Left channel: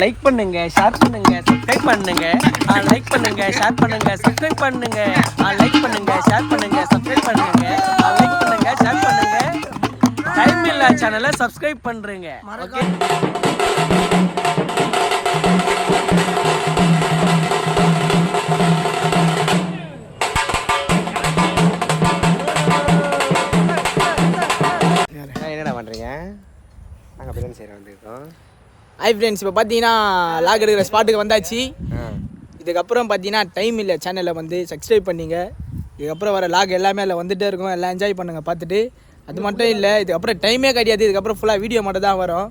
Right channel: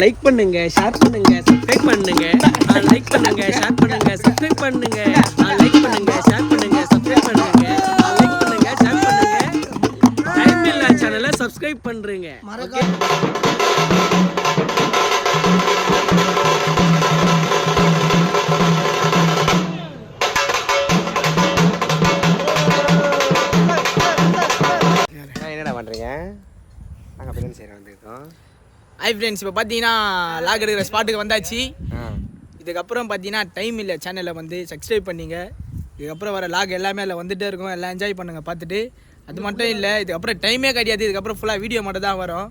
Like பண்ணுங்க, share பண்ணுங்க, subscribe பண்ணுங்க. லைக் பண்ணுங்க, ஷேர் பண்ணுங்க, சப்ஸ்கிரைப் பண்ணுங்க. லைக் பண்ணுங்க, ஷேர் பண்ணுங்க, சப்ஸ்கிரைப் பண்ணுங்க. லைக் பண்ணுங்க, ஷேர் பண்ணுங்க. டைம் இல்ல சேனலை சப்ஸ்கிரைப் பண்றீங்க. என்னடா பண்ணுறீங்க? நாங்கள் பிரியாணி செய்கிற வந்துருக்கோம். ஹாய் ஃப்ரெண்ட்ஸ், இப்போ பார்த்தீங்கன்னா லாக் எடுக்கிற ஸ்பாட்டுக்கு வந்தாச்சு. இதுக்கப்புறம் பார்த்தீங்கன்னா டைம் இல்லை, சேனலை வந்து சப்ஸ்கிரைப் பண்ணிங்க. இதுக்கப்புறம் வர லாக் எல்லாமே அதில் வந்துகிட்டே இருக்கும். எல்லாம் என்ஜாய் பண்ணுங்கள் பார்த்துட்டு. அது மட்டும் இல்லை, இதுக்கப்புறம் டைமே கிடையாது. இதுக்கப்புறம் ஃபுல்லாக வீடியோ மட்டும் தான் வரும்.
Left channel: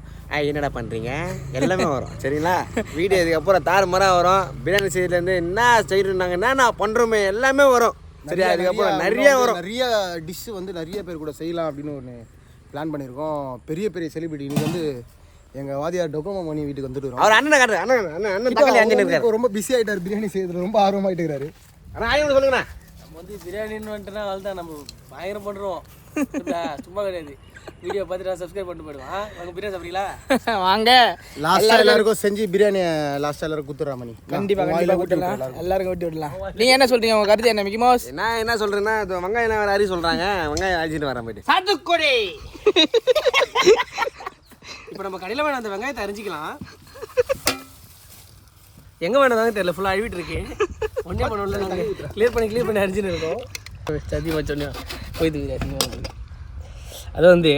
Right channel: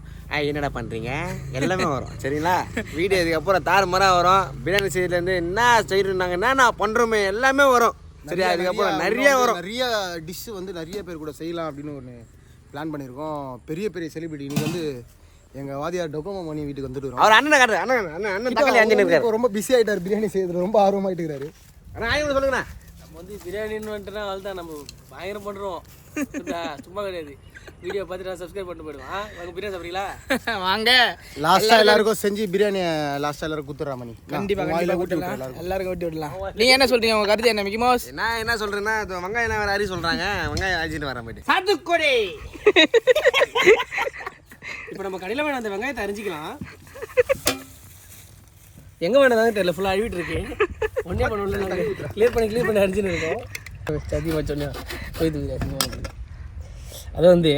என்னடா பண்ணுறீங்க? எல்லாமே வரும் சரிங்களா? வீடியோ இதுக்கப்புறம் தாறுமாறாக வரும். பிரியாணி செய்யறதுலேருந்து என்ன செய்யறாங்கன்னா நான் பண்ணுறோமே எல்லாமே வரும் சரியா? அதுக்கப்புறம் நிறைய வரும். நிறைய டிஷ்ஷு வந்து நிறைய பேர் கூட செய்யலாம் அப்படின்னு ஒன்று பிளான் பண்ணியிருக்கோம். பெரிய பெரிய செலிபிரிட்டி இன்னைக்கு வந்து எங்கள் வாதியார் டொக்கோமோ மணி வீட்டுக்கு வந்துட்டு வரோம். அவர் அண்ணன் காட்டுறாரு. அண்ணன் தக்காளி அஞ்சு இருக்காரு. ரொம்ப பிஸி ஆகிட்டார், பிரியாணி செய்யறது ரொம்ப ஆர்வமாயிட்டு இருக்காரு. ஆனால் ஆயிரம் சொல்லுங்கண்ணா. நம்ம வந்து பிரியாணின்னு வந்துட்டுனா அதுதான் நம்ம பயங்கரம் பண்ணுறோம். சும்மா கிடையாது. வீடியோ பார்த்துட்டு சப்ஸ்கிரைப் பண்ணிட்டு போயிடுவோம். நாங்கள் பிரியாணி சாப்பிட்றீங்களா? வாங்க லாஸ்ட்டாக எல்லாருக்கும் செஞ்சு பிரியாணி லாஸ்ட்டாக எல்லாரும் கொடுத்துட்றா மணி. கண்டிப்பாக கொடுத்துடலாம், எல்லாருக்கும் வெட்டி விடலாம். நீங்கள் என்ன சொல்கிறீங்க? உங்கள் கருத்து என்ன? மிக்கி மவுஸ் நான் என்ன சொல்கிறேன்னா, வெங்காயம் என்ன வேறு அறி சொல்கிறாங்க. வெங்காயம் அரிச்சிட்டு வரேன் போயிட்டு. சாத்துக்குடி. இப்போ நம்ம கடையில் வேணும் அந்த வெங்காயத்தை அரிஞ்சிக்கலாம். எங்கே வேணாதாங்க தெரியல, ஃபுல்லாக அழிவிட்டு இருக்கு. ஒன்றே பண்ணல, நாங்கள் கிளியர் பண்ணி அரிஞ்சுன்னு இருக்கோம். சத்தியமாக சொன்னோம் போயிட்டு. அது வந்து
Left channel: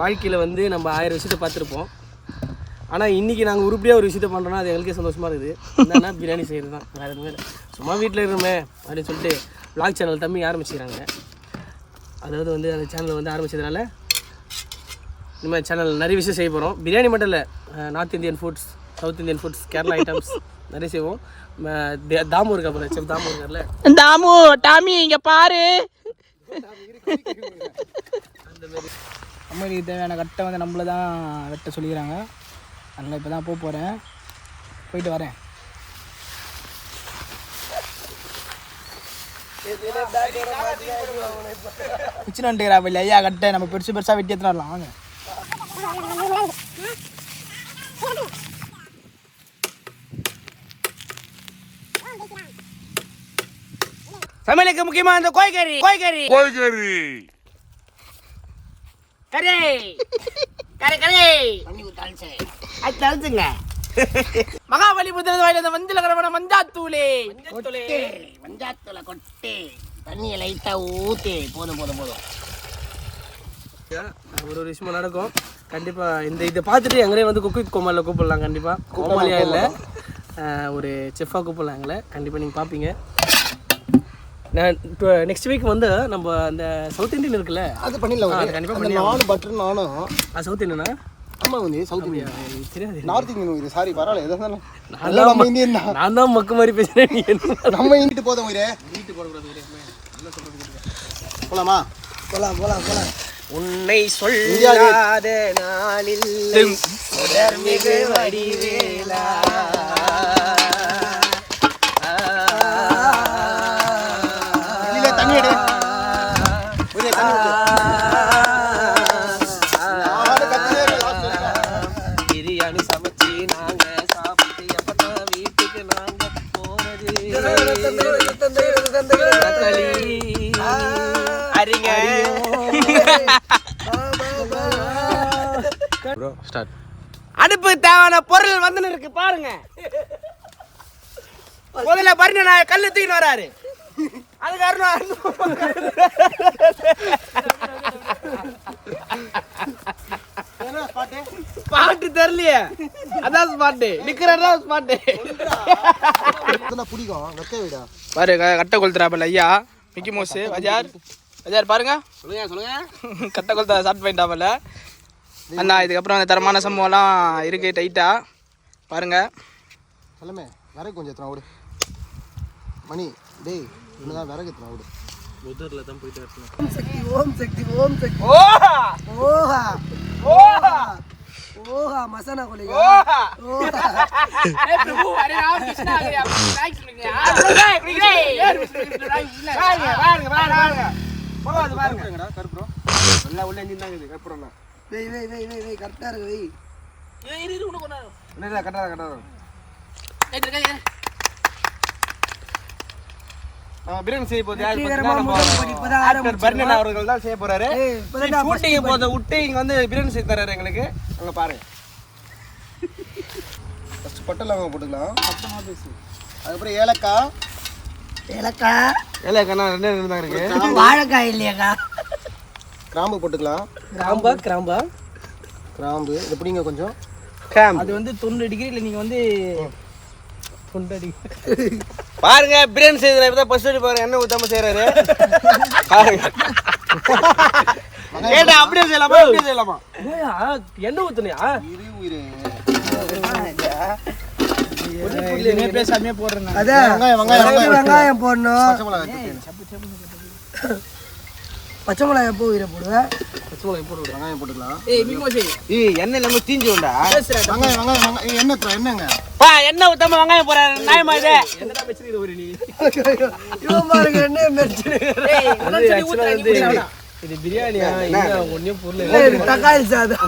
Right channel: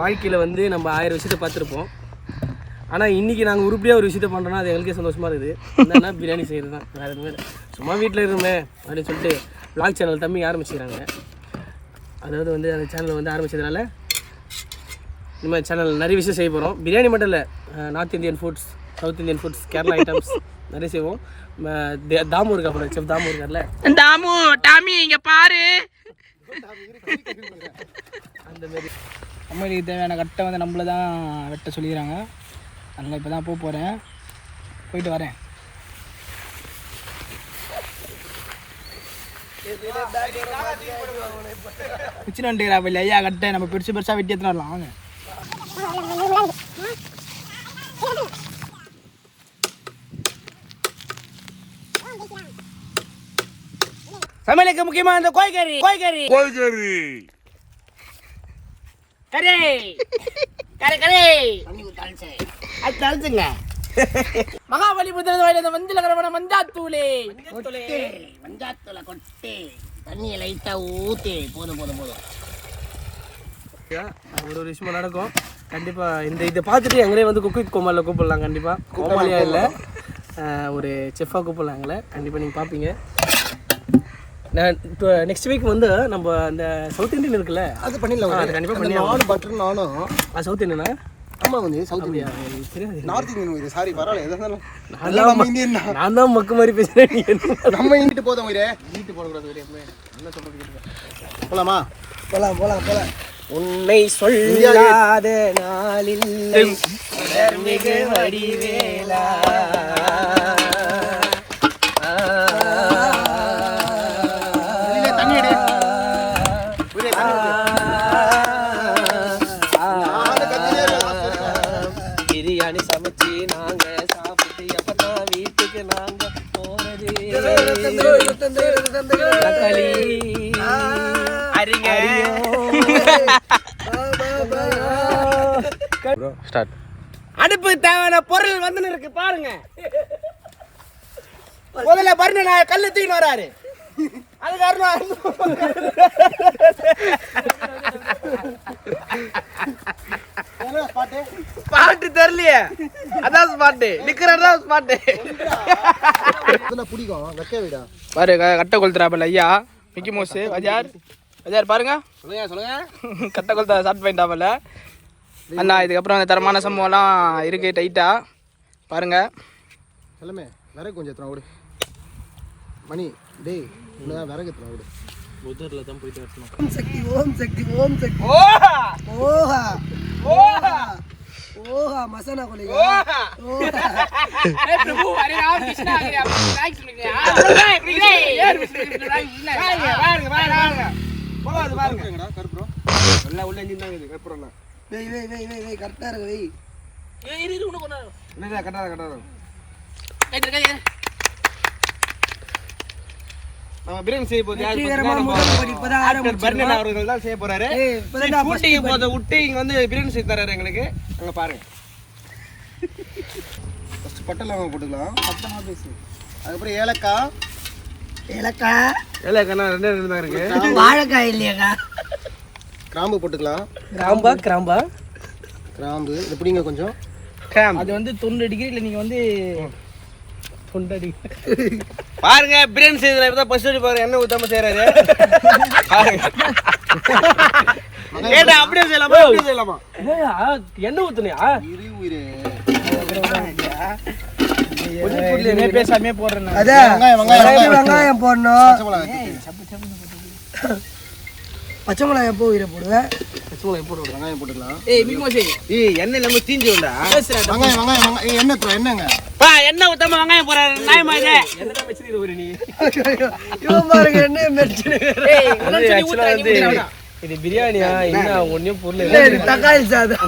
வாழ்க்கையில் வந்து நம்ம 1000 விஷயத்தை பார்த்துருப்போம். ஆனால் இன்றைக்கி நாங்கள் உருப்படியாக ஒரு விஷயத்த பண்ணுறோன்னா அது எங்களுக்கே சந்தோஷமாக இருக்குது. என்னன்னா பிரியாணி செய்கிறது தான், வேறு எதுவுமே இல்லை. சும்மா வீட்டில் இருமே அப்படின்னு சொல்லிட்டு vlog சேனல் தம்பி ஆரம்பிச்சுக்கிறாங்க. அதாவது வந்து அந்த சேனல் வந்து ஆரம்பிச்சதுனால இனிமேல் சேனல் நிறைய விஷயம் செய்ய போகிறோம். பிரியாணி மட்டும் இல்லை, north Indian foods, south Indian foods, Kerala items நிறைய செய்வோம். தாமு இருக்கு, அப்புறம் செஃப் தாமு இருக்கார்ல, தாமு டாமி இங்கே பாரு. அம்மாடிக்கு தேவையான கட்டை வந்து நம்மள தான் வெட்ட சொல்லிக்கிறாங்க. அதனால் இப்போ தான் போகிறேன், போயிட்டு வரேன். பிச்சு வந்துட்டுக்கிறா இல்லை ஐயா கட்டை, நம்ம பெருசு பெருசாக வெட்டி எடுத்துன்னு வரலாம். வாங்க. சமையலுக்கு முக்கியமா இந்த கோய்கறி கறி அது தளிச்சுங்க. மகாபலிபுத்திர வாயில இந்த மஞ்சள் கரவன மஞ்சாத்தூளே மஞ்சாத்தூளை கொட்டி தண்ணியை லைட்டாக ஊற்றி போதும். ஒரு விஷயமா நடக்கும் கண்டிப்பாக. இதை பார்த்துட்டு எங்களே வந்து குக் வித் கோமாளில் கூப்பிடலாம். கண்டிப்பாக கோமாளியாக இல்லை, ஒரு செஃப்பாக கூப்பிடலாம் எங்களை. கண்டிப்பாக நீங்கள் பார்ப்பீங்க. நான் இப்போ நெக்ஸ்ட் வீக் வந்து நம்ம அந்த சவுத் இண்டியன் இருக்குல்ல, அது பண்ணிடலாம். அது கண்டிப்பாக பண்ணி நானும் பட்டர் நானும் சவுத் இண்டியனா? ஆமாம் வந்து சவுத் இந்தியா தெரியாது, நார்த் இந்தியன். சாரி பரவாயில்ல, நான் தான் மக்கு மாதிரி பேசுகிறேன். நம்ம இங்கிட்டு போதும் வீட்டு போடக்கூடாது. என்ன சொல்கிறது? போலாமா? போலாம். உன்னை சொல்லாத நாளில் மிகு வடிவேலா பிரியாணி சமைச்சு நாங்க சாப்பிட்டு எப்பதான் வீட்டுக்கு நாங்க போறது? அடுப்பு தேவையான பொருள் வந்து இருக்கு பாருங்க. முதல்ல பாருங்க, நான் கல்லு தூக்கின்னு வராரு. அது காரணம் ஸ்பாட்டு தெரியலையே, அதான் ஸ்பாட்டு நிக்கிறதா ஸ்பாட்டு. பிடிக்கும் வைக்க விடா. பாரு கட்டை கொளுத்துறாப்பல ஐயா மிக்கி மவுஸ். அஜார் பாருங்க, சொல்லுங்க. கட்டை கொளுத்த ஸ்டார்ட் பண்ணிட்டாப்பல அண்ணா. இதுக்கப்புறம் அந்த தரமான சம்பவம்லாம் இருக்குது டைட்டாக பாருங்க. எல்லாமே விறகு கொஞ்சம் எத்தனை விடு மணி. டேய் இன்னும் விறகு எத்தனை விடு. புதரில் தான் போயிட்டு வரணும். ஓம் சக்தி ஓஹா மசானா கொலிகா ஓஹா. ஏ பிரபு அரே ராம் கிருஷ்ணா ஆ गया லைக் சொல்லுங்க. பாருங்கடா கருப்புறோம் நல்லா உள்ள நின்னாங்க கருப்புறோம்னா. வெய் கரெக்டா இருக்கு வெய். கட்டாத பிரியாணி செய்ய போகுது பர்ணன் அவர்கள் தான் செய்ய போறாரு. விட்டு இங்க வந்து பிரியாணி செய்து தராரு எங்களுக்கு. அங்க பாருங்க. ஃபர்ஸ்ட் பட்டை லவங்கம் போட்டுக்கலாம். அதுக்கப்புறம் ஏலக்காய் ரெண்டு தான் இருக்கு. வாழைக்காய் இல்லையாக்கா? கிராம்பு போட்டுக்கலாம். கிராம்பு இது பிடிங்க கொஞ்சம். அது வந்து 90 டிகிரியில் நீங்கள் வந்து 90 டிகிரி பாருங்க பிரியாணி செய்யறதுல இப்பதான் ஃபர்ஸ்ட் பாருங்க எண்ணெய் ஊத்தாம செய்யறாரு. பாருங்க அப்படியே செய்யலாமா எண்ணெய் ஊத்துனியா? பேசாமே போடுறேன். வெங்காயம் போடணும். பச்சை மிளகாய் எப்போ உயிரை போடுவேன்? வெங்காயம் போட்டுக்கலாம். எண்ணெய் நம்ம தீஞ்சுடா. வெங்காயம் என்னங்க எண்ணெய் ஊத்தாம வெங்காயம் போறாரு. நியாயமா இது? இது பிரியாணியா? என்ன ஒன்னும் பொருள் தக்காளி சாதம்.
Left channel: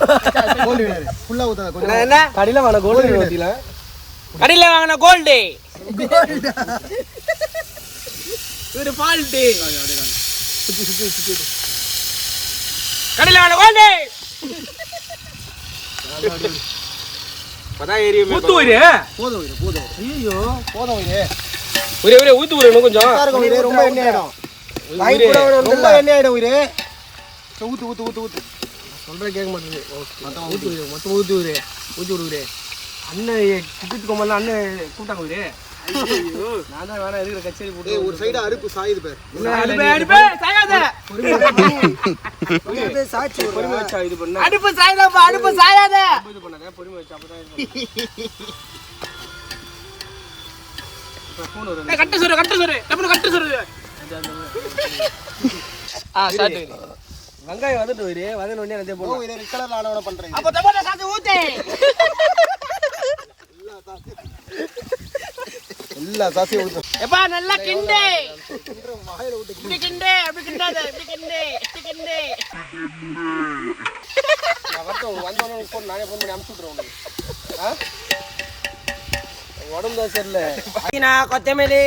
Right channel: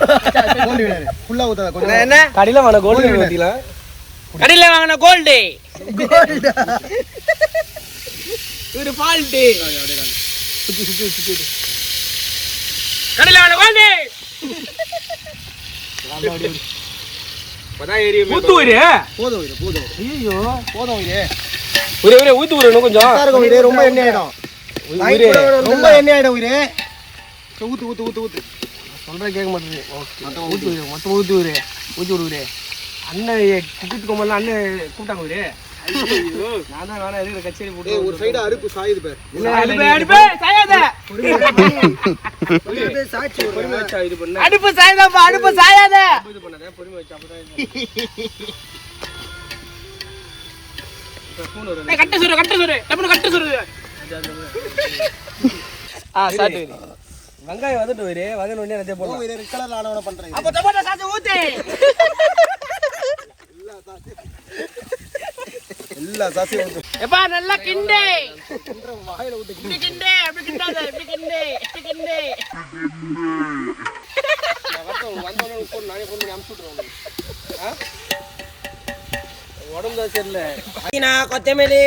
ஃபுல்லா ஊத்தாத கொஞ்சம். என்ன கடையில வாங்கின கோல்டு ஊத்திலாம். கடையில வாங்கின கோல்டு ஒரு ஃபால்ட்டு கடையில வாங்கின கோல்டு ஊத்து உயிரே. போதும் ஐயோ போதும் உயிரே. உயிரே ஊத்து உயிரே இன்னும் கொஞ்சம். உயிரே ரொம்ப எண்ணெய் ஆயிடும். ரொம்ப எண்ணெய் ஆயிடும் உயிரே. ஊத்து சொல்றேன் கேட்க மாட்டேங்குது. ஊத்து உயிரே மொத்தம் ஊத்து உயிரே. ஊத்தி விடுறே. அண்ணன் கிட்டிட்டு கோமல்ல அண்ணன் கூப்பிட்டாங்க உயிரே. நான் தான் வேணா இருக்கிற கச்சேரி போட்டு ஒரு சைடு அடுப்பு சாயுது பேர். அடுப்பு சாயாத. அடுப்பு சாயாதப்பா. அடுப்பு சாயாத. பொறுமை வச்சு அப்பதான் கட்டு சுரு கட்டு சுரு வெங்காயம் வதட்டு உயிரே. வதன உடனே அதே போல ரெட் கலர்ல ஆனவன பண்றீங்க. அப்ப டொமேட்டோ சாஸ் ஊத்து. எல்லா சாசியும் ஊத்து. எப்பா நல்லா கிண்டு. வாயில ஊத்து. கிண்டு அப்படி கிண்டாத. இப்படி கிண்டு. நான் வந்தவங்க போன் நானே போன் பண்ணி அனுப்பிச்சு விட்றேன். உடம்பு தான் சரியில்லை. புதினா கொத்தமல்லி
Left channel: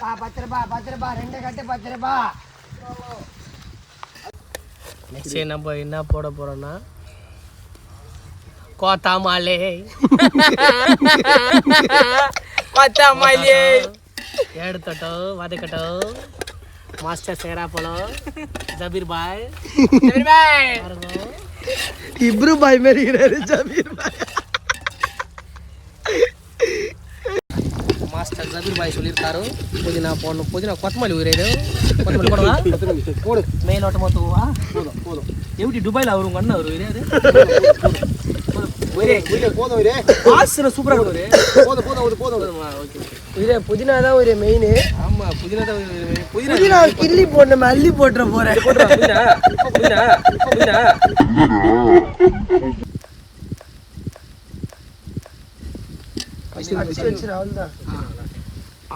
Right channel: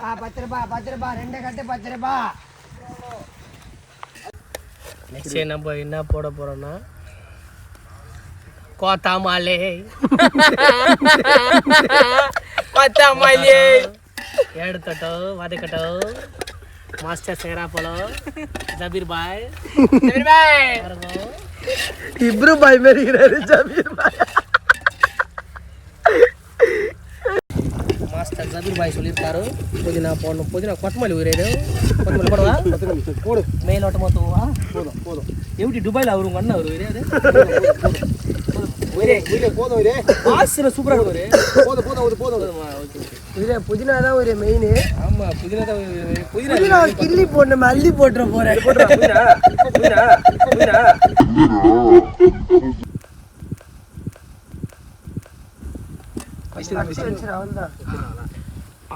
10 ரூபாய் 2 கட்டு 10 ரூபாய். நெக்ஸ்ட் நம்ம என்ன போட போறோம்னா கொத்தமல்லி எடுத்துட்டோ வதக்கட்டோ. மாஸ்டர் சேரா போலோ ஜபீர் பாய் இப்ரு பாய் மேரிக்கிறாரு. ஜபீர் பாய் மாஸ்டர் ஜபீர் பாய் சொல்லியிருக்காரு புதினா போடணும். புதினா கொத்தமல்லி உயிரே. கொத்தமல்லி போடவா? போடு. மேலோட்டமா தூவா? போதும். எப்படி துபாயில் அவரு உங்க அண்ணன் அவரு உயிரே. போதும் உயிரே. வாசனை சூப்பரா இருக்கு உயிரே. போதும். ஓகே இது புதினா தான் ஒரு மெயின். ஆமா புதினா தான் புதினா கிள்ளி போட்டு அள்ளி போட்டுற போறேன்.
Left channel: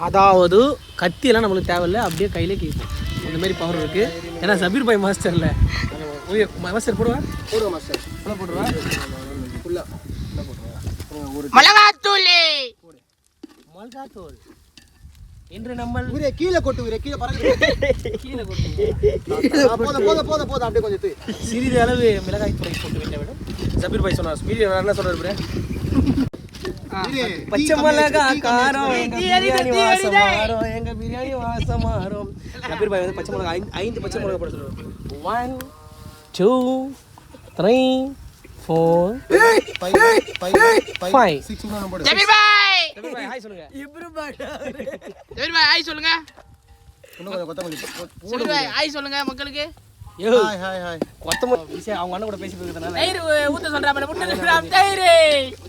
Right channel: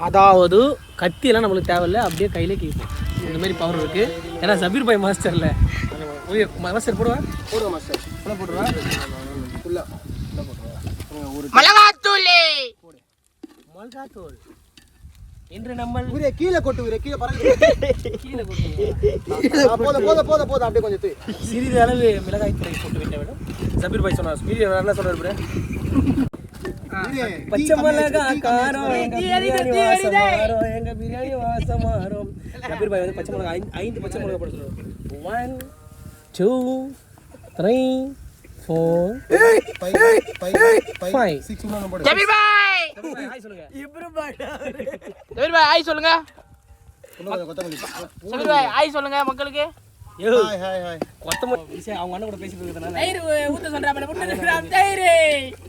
அதாவது கத்தியெல்லாம் நம்மளுக்கு தேவையில்லை. அப்படியே கையிலே கேட்கும். இந்த மாதிரி பவர் இருக்கு. ஏன்னா ஜபீர் பாய் மாஸ்டர்ல மாஸ்டர் போடுவா. மாஸ்டர் ஃபுல்லா போடுறா. ஃபுல்லா போடுறா. ஒரு மிளகாத்தூள் என்று நம்ம உயிரே கீழே கொட்டு உயிரே. கீழே பறக்குது. கீழே போட்டு போதும் அப்படியே கொஞ்சம் தூய். சிறிது அளவு மிளகாய் தூளை போட்டு விட்ட விட ஜபீர் பாய் சொன்னார். என்ன சொல்றாரு? பச்சை மிளகா காரம் எங்க பிரியாணி வாசம் மாறும். ஜபீர் பாய் வந்து பச்சை மிளகா 5 பச்சை மிளகா போட சொல்றாரு. 1 2 3 4 5 6 போடு. ஜபீர் பாய் ஹாய் சொல்லுங்க. ஜபீர் பாய் ஹாய் சொல்லுங்க. இன்னும் கொத்தமல்லி. ஜபீர் பாய் ஹாய் சொல்லுங்க மக்களுக்கு. ஹாய். கொத்தமல்லி விஷயம் அவங்க அண்ணன் கூட பேசி போயிருந்தனால தயிர் ஊத்த சொல்றாங்க. 3 கிராம் தயிர்.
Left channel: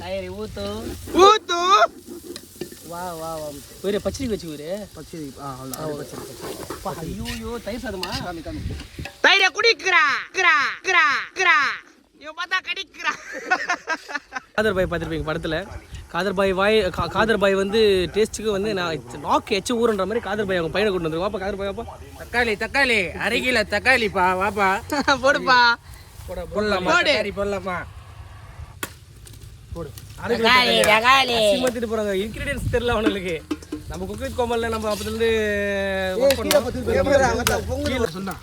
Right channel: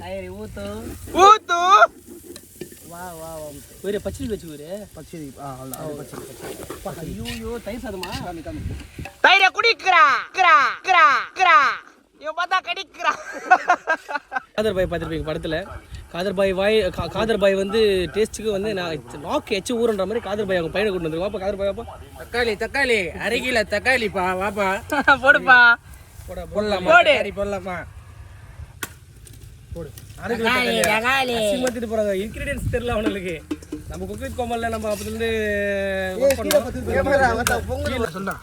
தயிர் ஊத்து. வா வேற பச்சடி வச்சு வேற பச்சடி. ஐயோ தயிர் சாதமா? தயிரை குடிக்கிறா. இவன் பார்த்தா கடிக்கிறா. காதர் பாய் பார்த்துருப்பீங்க படத்தில். காதர் பாய் வந்து டேஸ்ட்டுக்கு வந்து நான் நாக்கு எச்சு ஊறுன்ற மாதிரி காதர் பாய் அவங்க பையனை கொண்டு வந்துருக்கோம். அப்போ காதர் பாய் வாப்பா தக்காளி 1/2 கிலோ தக்காளிப்பா. வாப்பா போடுப்பா. போடலாமா கறி போடலாமா போடு அசிமத்திட்டு போறாங்க இன்கிரிடியன்ஸ் தெரியல அவனுக்கு நம்ம குக் வித் கோமல்ல நம்ம அப்பதிலிருந்து ஒர்க் பண்ணோம் சொன்னா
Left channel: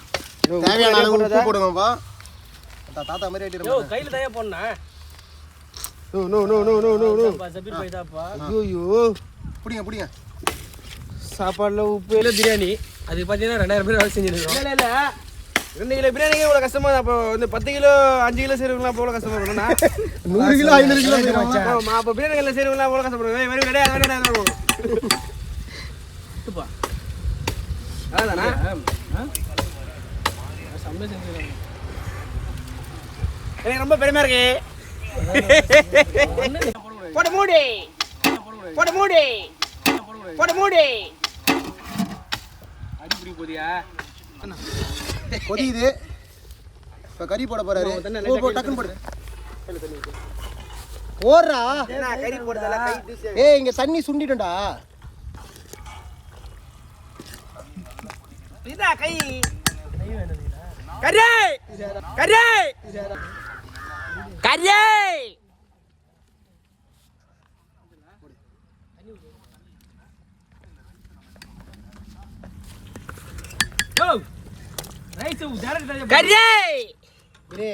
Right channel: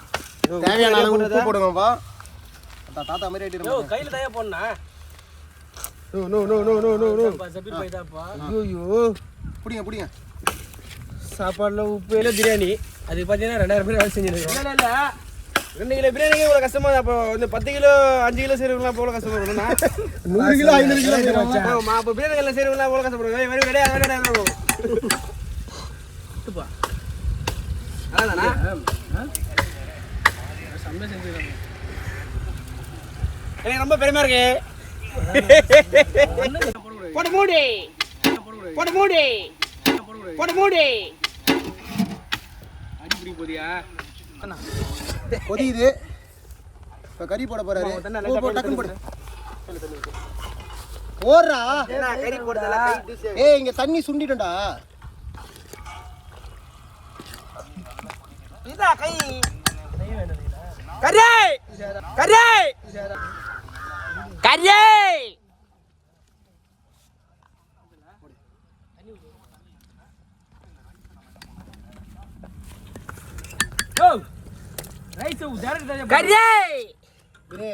தேவையான அளவு உப்பு போடுங்கப்பா தாத்தா மாதிரி ஆயிட்டு கையில தயா போடனா நோ ஜபீர் பாய் தாப்பா ஐயோ புடிங்க சாப்பாடுல உப்பு இல்ல பிரியாணி அது பாத்தீங்கன்னா 2000 பேர் வேலை செஞ்சிருக்கோம் இல்ல 2 கிலோ பிரியாணிக்கு இவ்வளவு கஷ்டமா அப்போ வந்து 10 கிலோ 5 கிலோ செய்றவங்களா எவ்வளவு கஷ்டமா இருக்கும்னா 100 கிலோ 500 கிலோ செய்றாங்க ஆமா அப்ப பிரியாணி எல்லாம் செய்றவங்களா எவ்வளவு கஷ்டப்படுவாங்க வெரி வெரி துப்பா அதானே சம்பே செஞ்சிருக்காங்க எனக்கு ரொம்ப பெருமையா இருக்கு போடு மூடி அடிப்படி போடியா கொதியுது இப்ப கறி போட போறாரு போ டக்குன்னு போடு போடுறா கறி போடுறதுல கை ஏய் இங்க தண்ணி சுண்டிடும்டா இதா கை கரே ஓ ரைஸ் டைரக்ட் கரே இரு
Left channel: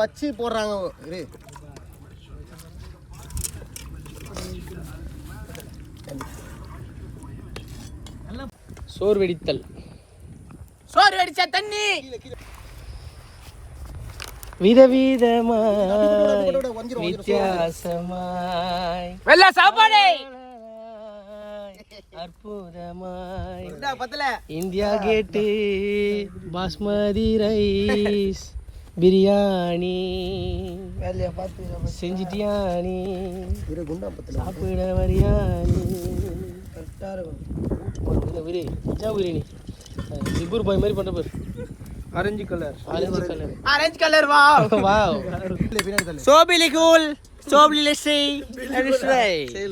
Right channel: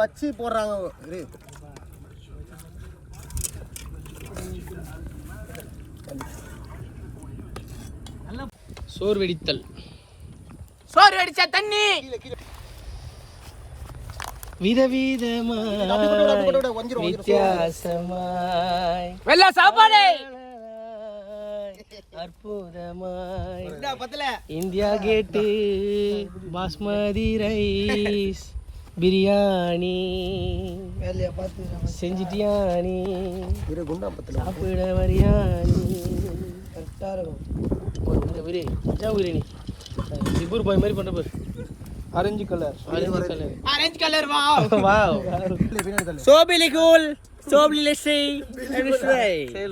வச்சு போடுறாங்க இரு சோறு வெடிச்ச தண்ணி விதவிதமாய் வித்தியாசமாய் வெள்ள சாப்பாடு அற்புதமாய் இந்தியா கேட்டு பாஸ்மதி ரைஸ் பிரியாணி செஞ்சிட்டியானி சாப்பிட வரியானி சிப்பூர் பாய் மாதிரி பண்ண பாரு ஆரஞ்சு கலர் வாவ் சோபிலி கூல் சோபிலி லெஸ்ஸி சே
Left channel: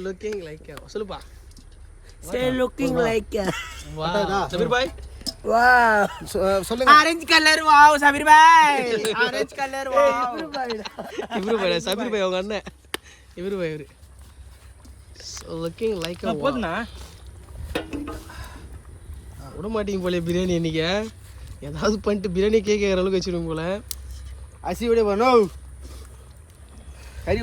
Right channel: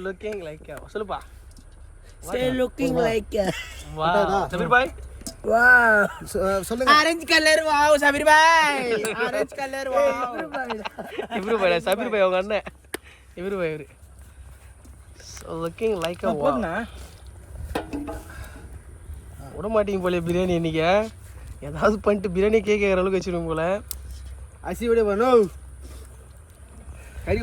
லுக்கிங் லைக் சொல்லுப்பா say looking like wow Sabeer bhai wow சொல்லுங்க orange colour wow Sabeer bhai orange colour wow Ibru bhai Sabeer bhai அவங்க அண்ணன் இப்ரு பாய் இவரு லுக்கிங் லைக் வாவ் போடுனா விட மாட்டீங்க போல பிரியாணி இன்னைக்கு ஏதாவது பண்ணிட்டு பிரியாணி கேட்குற அளவுக்கு வச்சிருவோம் போல அசி விட பண்ணும்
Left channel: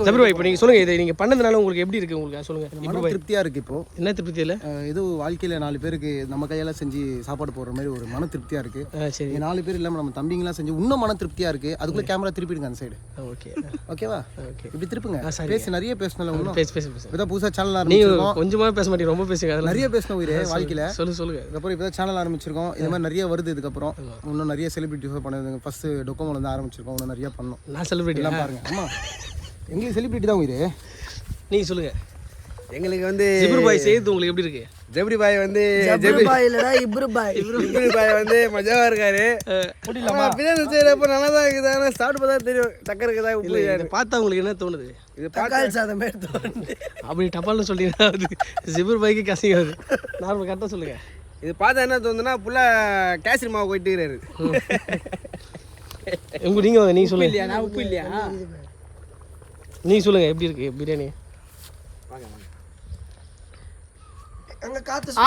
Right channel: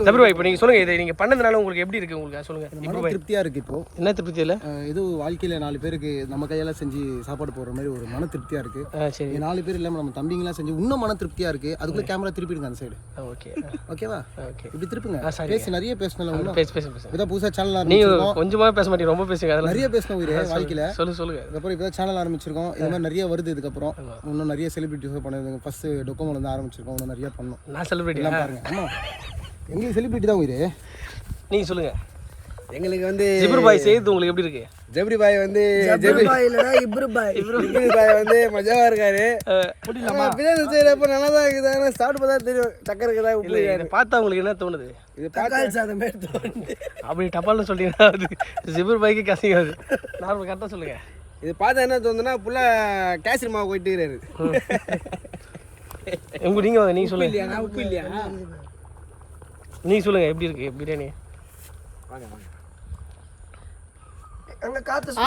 சபீர் பாய் இப்போ நீங்கள் சொல்லுங்கள் இதை நீங்கள் பண்ணதுனால உங்களுக்கு எப்படி இருக்குது உங்களுக்கு சொல்லுங்கள் மன திருப்தியாக இருக்குது இப்போ என்ன திருப்தி இல்லை ஏதோ வாழ்க்கையில் 4 பேருக்கு நம்ம கையால் செஞ்சு சாப்பாடு போடுற மாதிரி ஒரு மன திருப்தியாக இருக்குது சரி 4 பேர் இல்லாமல் நம்ம தம்பிங்களாம் செஞ்சு இன்னும் மன திருப்தியாக இருக்குது அதுக்குள்ளே கேமரா திருப்பிடுங்க அந்த சைடு ஓகே ஓகேவா ஓகே இப்படி திருப்புங்க பேசு நிறைய பேசணும் இன்னும் பேசு இப்போதான் புதுசாக சேனல் நீங்கள் ஆரம்பிச்சிருக்கோம் கொஞ்சமாக பேச மாட்டீங்க ரொம்ப பேசுங்க அதெல்லாம் நிறைய பேசணும் உயிரே வாழ்க்கையில் சொல்லுங்கள் இதுக்கப்புறம் இப்போ சேனல் ஆரம்பிச்சிருக்கோம் இது மாதிரி நிறைய வருது இதுக்கப்புறம் இன்னும் நிறைய செலிபிரிட்டிஸ் பண்ணுறது ஃபஸ்ட்டு டொக்கோமோல இருந்து ஆரம்பிச்சிருக்கோம் இன்னும் நிறைய பண்ணோம் நான் செலிபிரிட்டி எல்லாம் பாருங்க ஆமாம் எங்களுக்கு செலிபிரிட்டி தான் உயிரே நீங்கள் சொல்லுங்கள் எங்களுக்கு வந்து ஜபீர் பாய் செய்யறது உங்களுக்கு எப்படி இருக்கு ஜபரி பாய் வந்து இப்ரு பாய் வந்து மஜாவா இருக்காரு பிரியாணி செய்யறப்ப நல்லா தான் இருக்குது ஆனால் சாப்பிட்டு பார்த்தா தெரியும் சக்கரை இருக்குதா உப்பு இதை பார்த்தா உங்களுக்கு என்ன தோணுது இது பார்த்து அப்படி டப்பால்னு சொல்லிங்கன்னா அது ஜபீர் பாய்க்கு கசிங்காது நார்மல் கரெக்டாக சொல்லுங்கள் இது பார்த்தா என்ன தோணுதுன்னா ஃபுல்லாக கேசரி மாவு போயிட்டு இருக்கிறாரு நீங்கள் சொல்லுங்க இல்லையா நான் உப்பு இல்லையா நீங்கள் சொல்லுங்கள் எப்படி இருக்கு பிரியாணி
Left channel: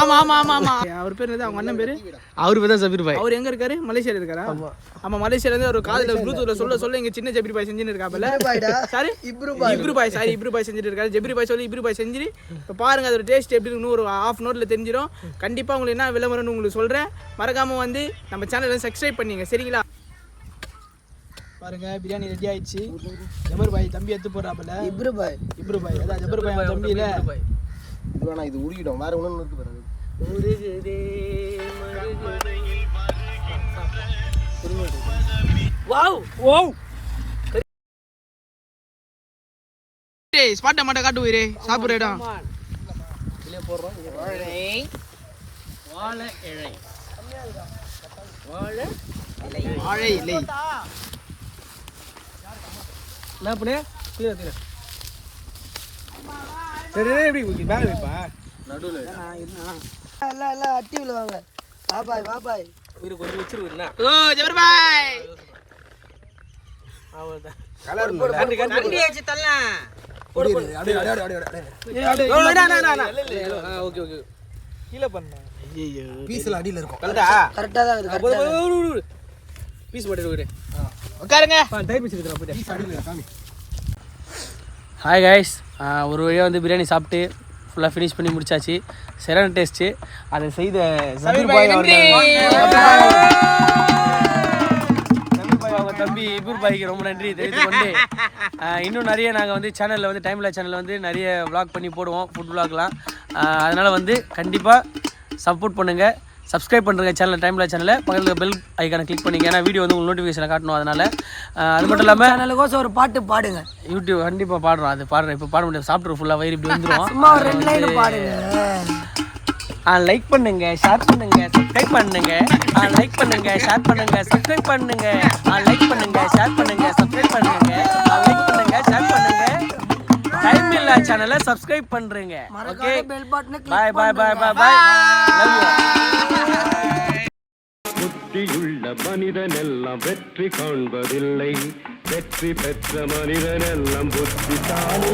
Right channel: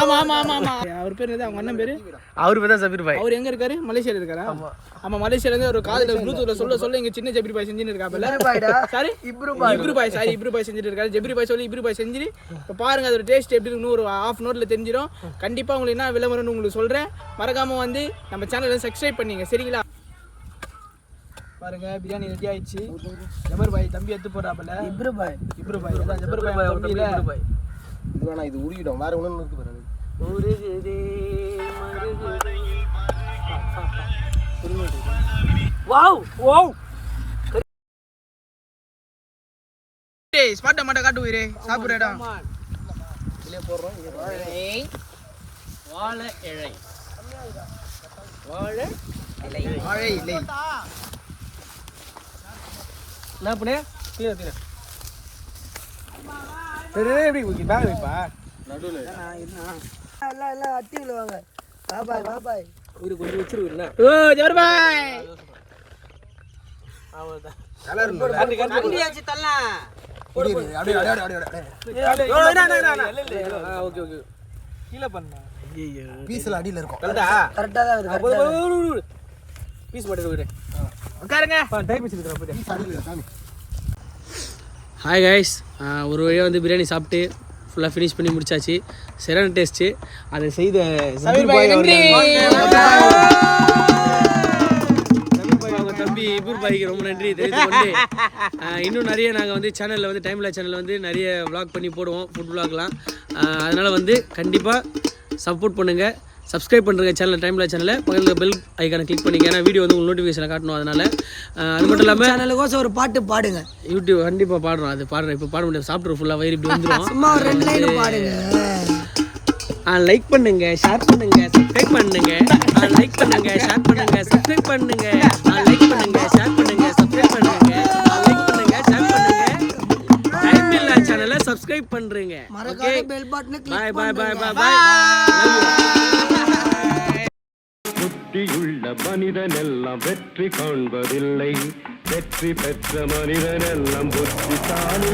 ஆமா ஆமா ஆமா ஆமா அவர் பேர் என்ன அவங்க அண்ணன் பேரு அவர் பேர் தான் ஜபீர் பாய் அவர் எங்க இருக்காரு மலேசியால இருக்காரா ஆமா மலேசியால இருந்து ஒரு காதுல ப்ளூடூத்ல சொல்ல இங்க சின்ன ஜபீர் பாய் செஞ்சுட்டு இருக்காப்ல சாரி இப்ரு பாய் செஞ்சுட்டு இருக்காரு ஜபீர் பாய் சொல்லி இப்ரு பாய் செஞ்சு இப்போ பாருங்க அதோட டேஸ்ட் எப்படி இருக்குன்னு ஒரு ½ ஹவர்ல தெரிஞ்சிடும் கண்டிப்பா உங்களுக்கு என்ன விளம்பரம்னு உங்களுக்கு சொல்றேன் மறக்காம வந்து நம்ம சேனலை சப்ஸ்கிரைப் பண்ணீங்க சரிங்களா பாருங்க பிரியாணி ரெடி ஆயிடுச்சு ஜபீர் பாய் தம்பி எடுத்து போறாப்ல இப்ரு பாய் அதான் ஜபீர் பாய் தம்பி இல்ல இது வேணா இது உருகிடும் வேற ஒன்று இருக்கு பாரு வாவ் வாவ் டேய் ஸ்பாட் மட்டும் காட்டு உயிரே சாப்பிடுற இடம் இதுல போறோம் வாழை இலை வாழை இலை என்ன பண்ணே கீழே எப்படி பேக் வைப்பா நடுவில் எல்லாம் அட்டி விழுவாங்க பாபாய் இவரு கொஞ்சம் வச்சிருக்குண்ணா ஓ ஜபர் பாய் அவ்வளோதான். ஓகே ஓகே கீழே பண்ண பீஸ்ல அடியில இருக்கும். பீஸ் மட்டும் உட்காருங்க. டைம் வச்சுருக்கிறேன் போயிட்டு. பீஸ் அடியில காமி. ஹாய் கைஸ், ஒரு வழியாக வந்து பிரியாணி சாப்பிட்டு ஃபுல்லாக ஃபினிஷ் பண்ணி முடிச்சாச்சு. சரியான டேஸ்ட்டு. அதை செய்த சபீர் பாய் அவங்க தம்பி இபூர் பாய்க்கு ரொம்ப நன்றி தெரிவித்து கொண்டு இன்னும் நிறைய நாங்கள் வந்து சேனலில் வந்து டைம்ல சேனலில் வந்து நிறைய விளாக் பண்ணி போடுவோம், ஃபுட் விளாக்லாம். அதனால் வந்து கண்டிப்பாக சப்போர்ட் பண்ணுங்கள், சப்ஸ்கிரைப் பண்ணுறங்க சேனல் டைம்ல சேனலில், பக்கத்தில் பெல் ஐக்கானை கிளிக் பண்ணிங்க. ஏன்னா வீடியோ வந்து உங்களுக்கு நோட்டிஃபிகேஷனை காட்டணும். அதனால் அது மட்டும் இல்லாமல் சேனலுக்கோசம் ஒரு பாட்டு பாடுங்க. யூடியூப் கண்டிப்பாக பாடுறோம். அது பாடுறேன், இப்போ பாட முடியாது, சாப்பிட்ற ஃபுல்லாக வயிறு இப்படி வந்துடும். சும்மா ஒரு 2 லைன் பாடுங்க. லைக் பண்ணுங்க, ஷேர் பண்ணுங்க, சப்ஸ்கிரைப் பண்ணுங்க. லைக் பண்ணுங்க, ஷேர் பண்ணுங்க, சப்ஸ்கிரைப் பண்ணுங்க. லைக் பண்ணுங்க, ஷேர் பண்ணுங்க, சப்ஸ்கிரைப் பண்ணுங்க. லைக் பண்ணுங்க, ஷேர் பண்ணுங்க. டைம் இல்ல சேனலை சப்ஸ்கிரைப் பண்றீங்க. ஓகே, பெல் பட்டனை bye bye bye bye bye. Love you. புத்தியுள்ள மனிதனெல்லாம் வெற்றி காண்பதில்லை, வெற்றி பெற்ற மனிதனெல்லாம் புத்திசாலி.